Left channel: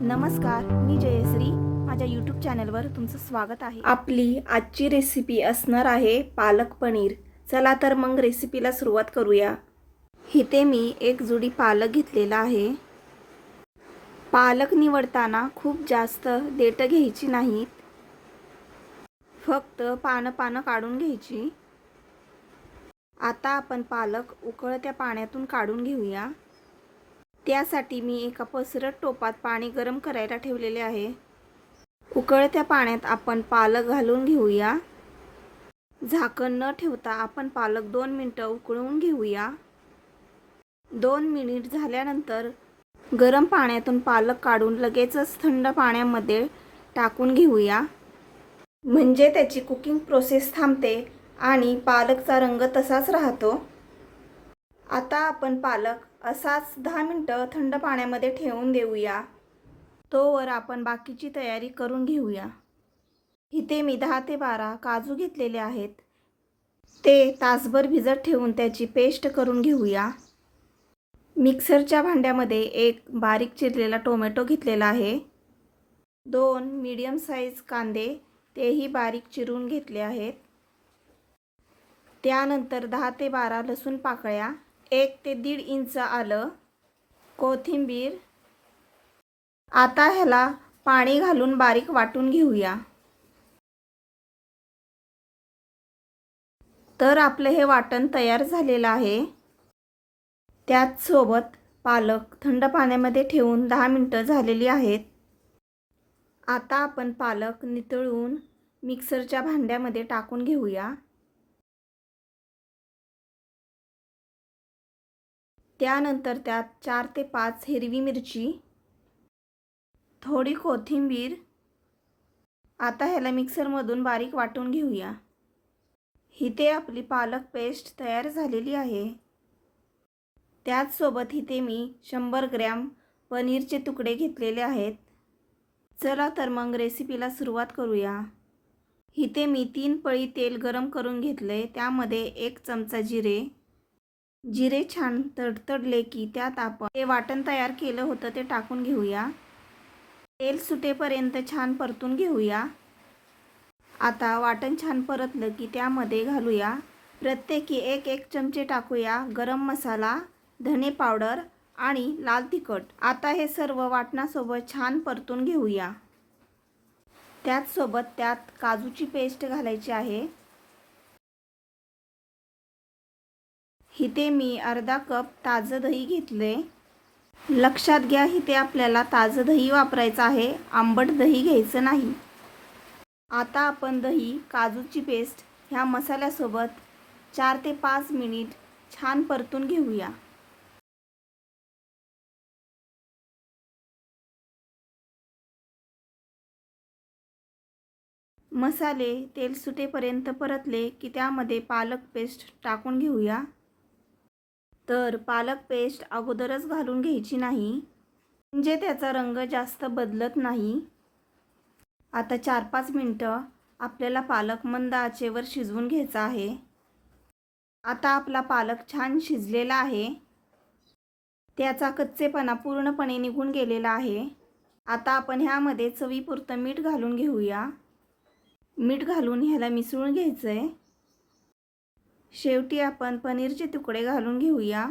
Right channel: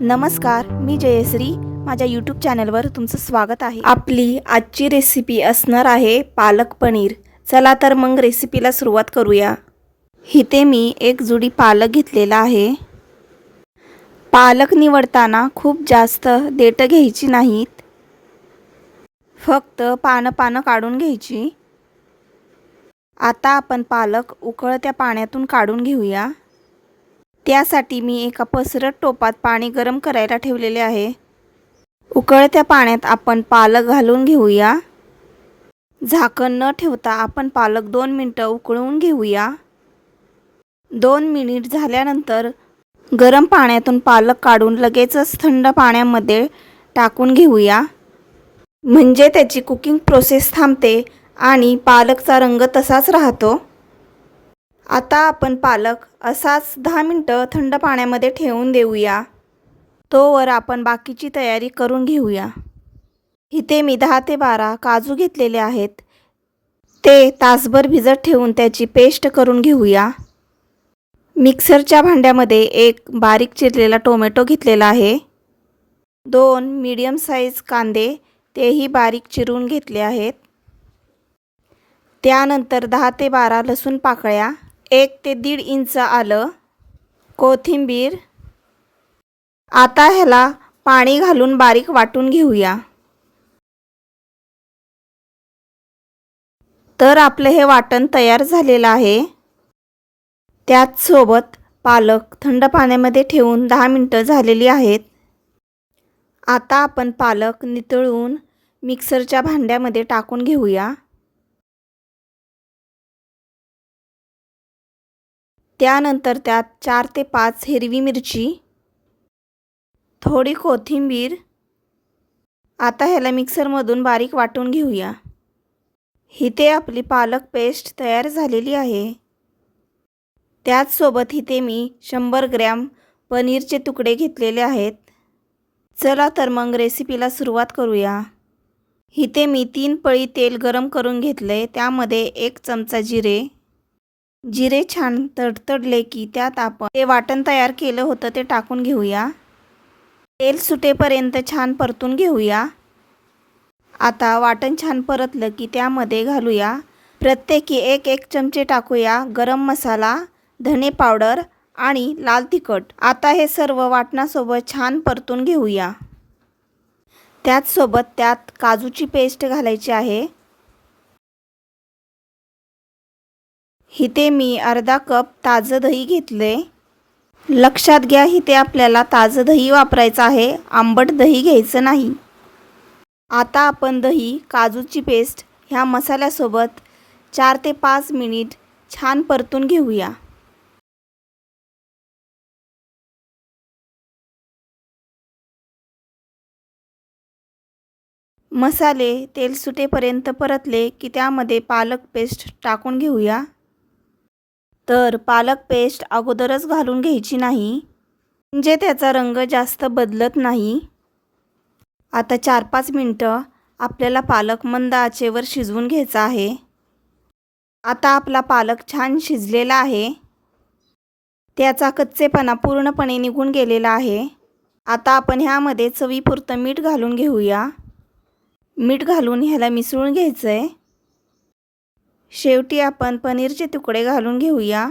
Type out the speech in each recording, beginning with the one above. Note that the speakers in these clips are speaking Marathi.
नमस्कार, मी जयश्री. माझ्या यूट्यूब चॅनलवर तुमचं स्वागत आहे. आपली आजची रेसिपी असणार आहे पालक पनीर. चला तर मग रेसिपीला सुरुवात करूया. इथे मी एक जुडी पालक घेतलेला आहे. पालक निवडताना खूप जास्त देठ घ्यायची नाहीत, फक्त पानं काढून घ्यायची. आता आपण पालक उकळत्या पाण्यातून काढून घेऊया. त्यासाठी मी एका पसरट टोपात पाणी गरम करायला ठेवलेले आहे. उकळत्या पाण्यात आपण पालक घालून घेऊया. झाकण न ठेवता आपण पालक 2 मिनिटं उकळून घेऊया. 2 मिनिट झाल्यानंतर गरम पाण्यातून पालक काढून लगेचच थंड पाण्यामध्ये टाकून घेऊया, म्हणजे त्याची कुकिंग प्रोसेस थांबते आणि पालकचा रंग तसाच राहतो. आता आपण पालक असाच 10 मिनिटं थंड पाण्यामध्ये ठेवून देऊया. तोवर आपण बाकीची तयारी करून घेऊया. इथे मी 10 ते 12 काजू घेतलेले आहेत. ते तासभर भिजत ठेवून त्याची पेस्ट करून घेऊया. मिक्सरच्या भांड्यामध्ये एक बारीक चिरलेला टोमॅटो घेतलेला आहे. 2 मीडियम साईज कांदे तेही बारीक चिरून घेतले आहेत. त्यानंतर 10 ते 12 लसूण पाकळ्या, 1 ते 1.5 इंच आलं, कोथिंबीर. आता ह्याला पाणी घालून बारीक वाटून घेऊया. तर आपलं हे वाटण तयार झालेलं आहे. त्याच सोबत पालक थंड पाण्यामध्ये ठेवून 10 मिनिटं झालेली आहेत. आता आपण पालक नितळून मिक्सरच्या भांड्यामध्ये टाकून घेऊया. त्यानंतर त्यात 4 ते 5 हिरवी मिरची, थोडी कोथिंबीर. आता ह्याला मिक्सरमधून बारीक वाटून घेऊया. इथे आपली पालक पेस्ट तयार झालेली आहे. त्याचसोबत इथे मी 100 ग्रॅम पनीरचे तुकडे घेतलेले आहेत. चला तर मग रेसिपीला सुरुवात करूया. इथे मी 3 पळी तेल गरम करून घेतले. त्यामध्ये 1 चमचा जिरे छान तडतडले की त्यात आपण ते वाटण तयार केलं होतं ते टाकून घेऊया. तेल सुटेपर्यंत छान परतून घेऊया. आता वाटण छान परतलं की त्यामध्ये घालूया प्रत्येकी 1 चमचे टाकूया गरम मसाला, धने पावडर आणि लाल तिखट. आता हे सर्व वाटणासोबत छान परतून घेऊया. त्याचसोबत त्यात काजूची पेस्ट घालायची आहे. इथे मी अर्धा कप ताजं दही घेतले. लक्षात घ्या, इथे आपल्याला ताजं दही वापरायचं आहे, आंबट दही घ्यायचं नाही. आता आपण दही, काजूची पेस्ट ह्या मसाल्यासोबत 4 ते 5 मिनिट छान परतून घेऊया. मसाले तेल सुटेपर्यंत परतले की त्यामध्ये पालक पेस्ट टाकून घेऊया. तर पालक पेस्ट अगोदरच घालून घ्यायची नाही, म्हणजे त्याचा रंग जास्त बदलत नाही. आता 4-5 मिनिटं आपल्याला पालक मंद आचेवर शिजवून घ्यायचा आहे. आता आपला पालक छान शिजलेला आहे. त्याचा कच्चेपणा पूर्णपणे निघून गेलेला आहे. आता आपण ह्यामध्ये चवीपुरतं मीठ घालून घेऊया. मीठ घालून ह्याला मिसळून घ्यायचं आहे. शेवटी आपण पनीरचे तुकडे घालून घेऊया.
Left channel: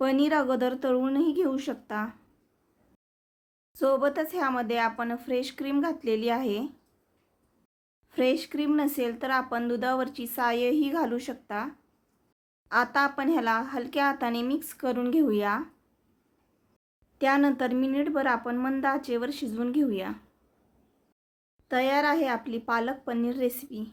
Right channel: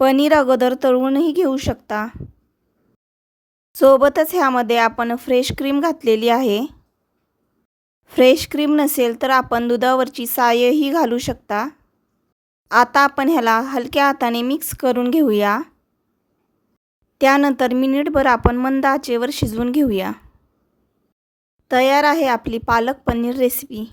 पनीर अगोदर तळूनही घेऊ शकता. सोबतच ह्यामध्ये आपण फ्रेश क्रीम घातलेली आहे. फ्रेश क्रीम नसेल तर आपण दुधावरची सायही घालू शकता. आता आपण ह्याला हलक्या हाताने मिक्स करून घेऊया. त्यानंतर मिनिटभर आपण मंद आचेवर शिजवून घेऊया. तयार आहे आपली पालक पनीर रेसिपी.